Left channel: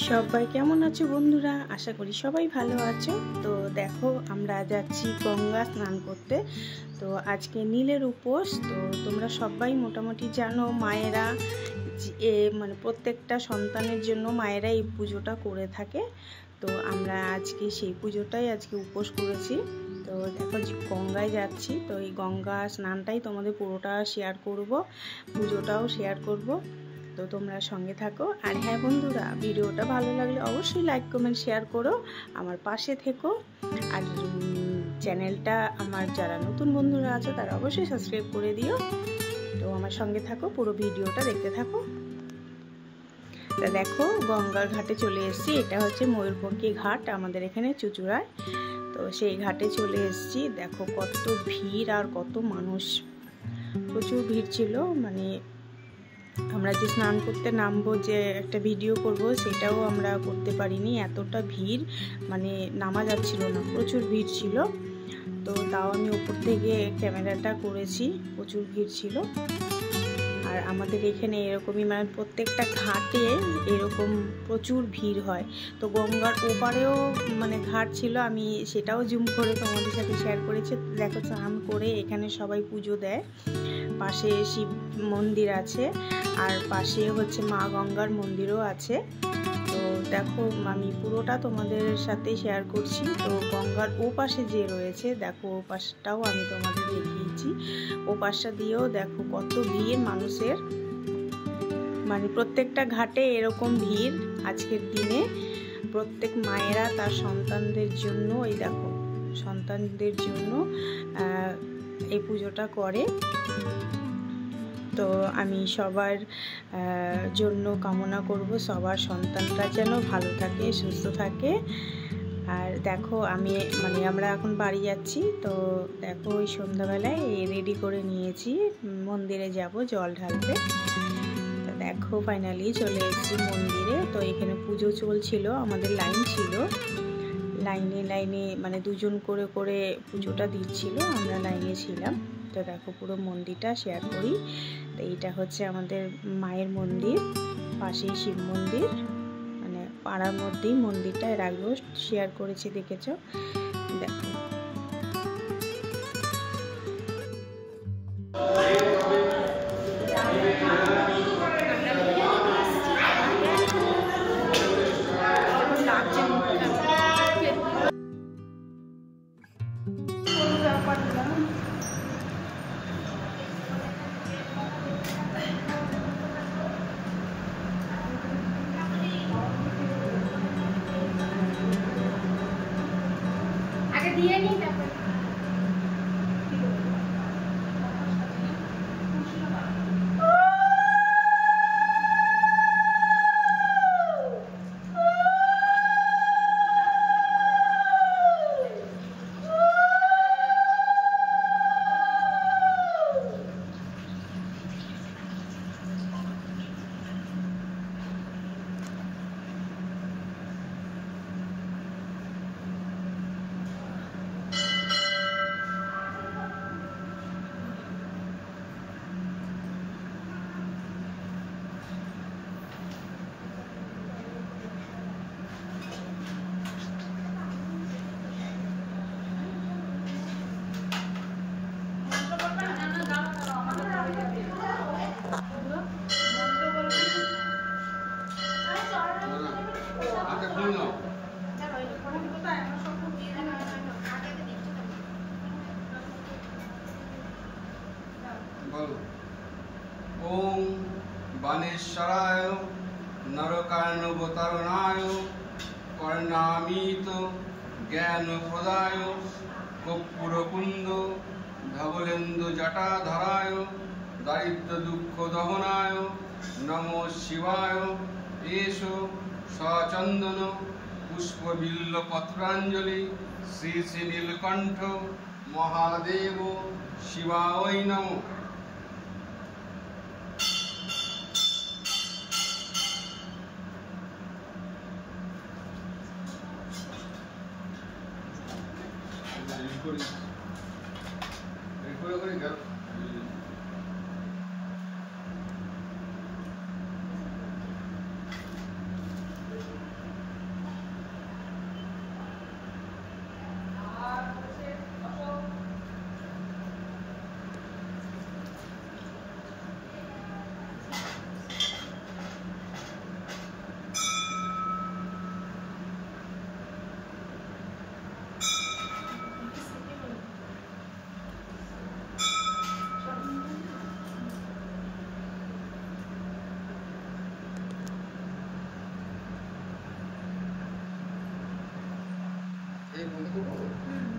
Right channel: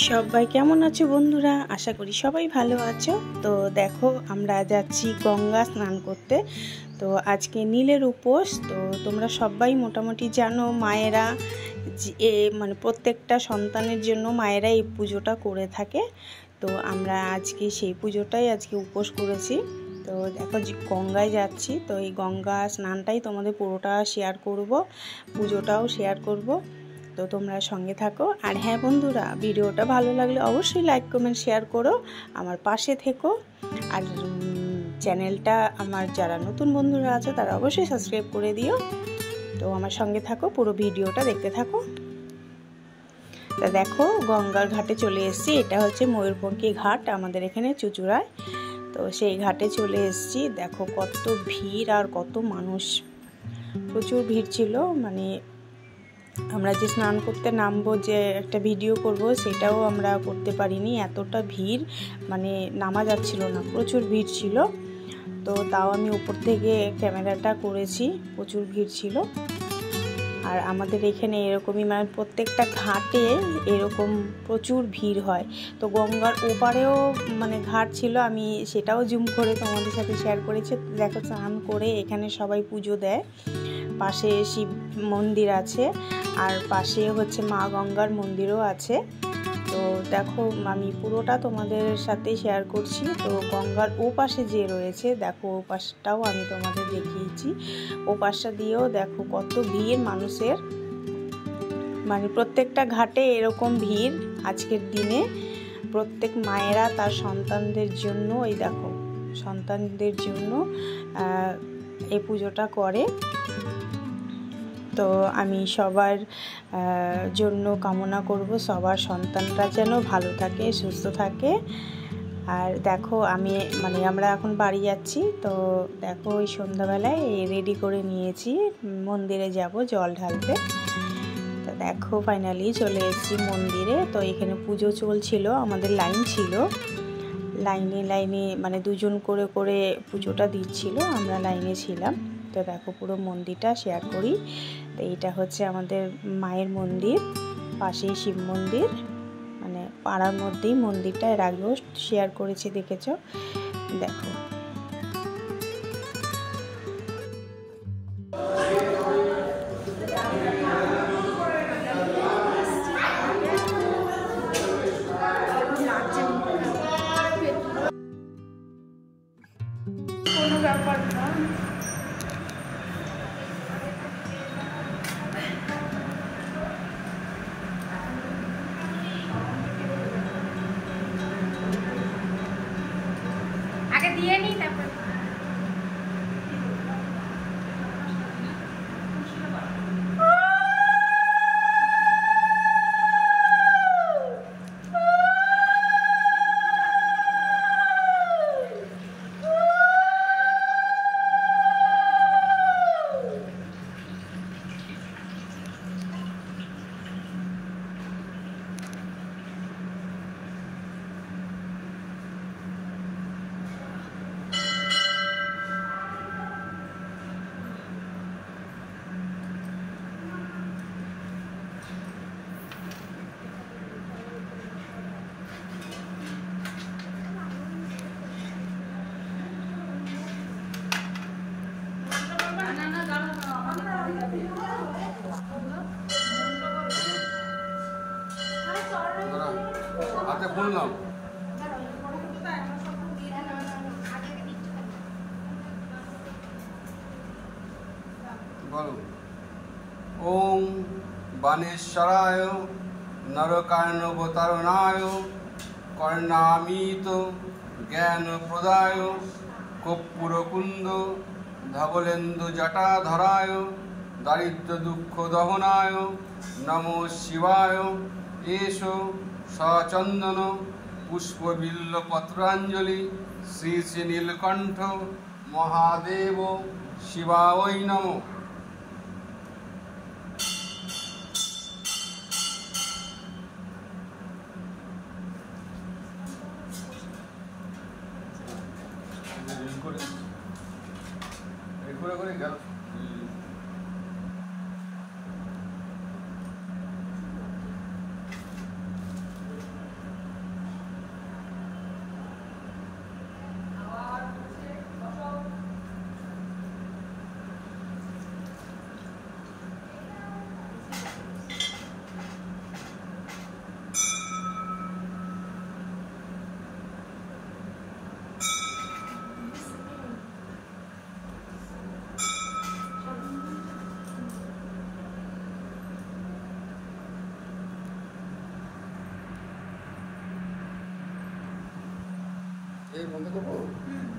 সবাই কেমন আছো বন্ধুরা? আশা করি সবাই ভালো আছো। তো দেখো আমরা যাচ্ছি গঙ্গা স্নান করতে। তো আজকে নীলের উপোস। তো তোমরা সবাই মোটামুটি জানো মায়েরা মানে প্রত্যেকটা সন্তানের জন্য মায়েরা এই পুজোটা করে থাকে। তো আমরা আজকে সেই পুজোটাই আজকে উপোস করেছি। তো দেখো গঙ্গায় যাচ্ছি। তো এই গঙ্গা স্নানটাই তোমাদের পুরোটা শেয়ার করব, পুজোটাও শেয়ার করব। তো তোমরা সঙ্গে থাকো। আর হ্যাঁ বন্ধুরা, ভিডিওটা ভালো লাগলে অবশ্যই লাইক কমেন্ট শেয়ার করো, আমার পাশে থেকো। আর চ্যানেলটা আমার যারা নতুন বন্ধুরা আছে তারা অবশ্যই সাবস্ক্রাইব করে দিও। তো আমার সঙ্গে থাকো, পুরো ভিডিওটা দেখতে থাকো। তা দেখো গঙ্গার ঘাটে চলে এসেছি। এটা হচ্ছে ময়ূরপঙ্খী ঘাট আমাদের এখানে চুঁচুড়ায়। তো সেই ঘাটে চলে এসেছি। দেখো কত ভিড় আর কত মানুষ, প্রচুর ভিড় ছিল। মানে আমরা যে স্নান করতে নামবো, যে একটা ভিডিও করব, সেটাও আমরা করতে পারিনি, এতটা ভিড়, মানে নামা যাচ্ছিল না, প্রচুর ভিড় ছিল। তো তাও আমি উপর থেকে ক্যামেরাটা করেছি, প্রচুর ভিড় ছিল। আর আমাদের এখানে এরকমই, মানে প্রত্যেকটা ঘাটে এরকম প্রচুর ভিড় হয়। তো গঙ্গার ওপারেও মানে ঘাট ছিল, আমি সেটাও জুম করে তোমাদের সাথে শেয়ার করেছি। দেখো স্নান করে এখানে সবাই পুজো দেয়। পাশে শিব মন্দির আছে, আর পাশে হচ্ছে মা গঙ্গার মন্দিরও আছে। তো দেখো আমি পুরোটা তোমাদের সাথে শেয়ার করছি। তো গঙ্গার ও পাশে যে রয়েছে, দেখো ও পাশটাও আমি তোমাদের দেখিয়েছি। ও পাশটা দিয়েও দেখো কত ভিড় মানুষের, মানে প্রত্যেকটা ঘাটে এরকম ভিড় আজকের দিনে। প্রত্যেক মায়েরা তার সন্তানদের জন্য, এই দেখো সন্তানদের জন্য এই পুজোটা করে। তো আমি সবার জন্য কামনা করব, সবার সন্তানরা যেন ভালো থাকে, সুস্থ থাকে। আর দেখো আমরা এখন বাড়ি যাচ্ছি। তো দেখো ওই সন্ধ্যাবেলায় রেডি করে নিয়েছি, মন্দিরে যাব জল ঢালতে। তো দেখো ফাইনালি চলে এসেছি মন্দিরে। তো এখানে পুজো চলছিল, আমাদের লাইন ছিল, লাইনে মানে দুজন করে করে পুজোটা দিচ্ছিল, আমরা লাইনে ছিলাম। তো দেখো পুরো মন্দিরটা শেয়ার করি। তো এইটা হচ্ছে আমাদের মায়ের মন্দির, পাশেই শিব মন্দির, মানে পাড়ার মধ্যেই মন্দিরটা। এর আগেও শেয়ার করেছি, দেখেছ। দেখো কোনো ব্যাপার না। আগে দিয়ে নি তারপর বললাম ওম বাণেশ্বরায় নরকার্ণবতারণায় কর্ণামিত জ্ঞান প্রদায় কর্পূরকুন্দ ধবলেন্দু জটাধরায় দারিদ্র দুঃখ দহনায় নমো শিবায়। এসো সচন্দন পুষ্পবিল্ল পত্রাঞ্জলি শ্রী শ্রী নীলকণ্ঠ মহাদেব শিবায় নমঃ। এই মধু দেবো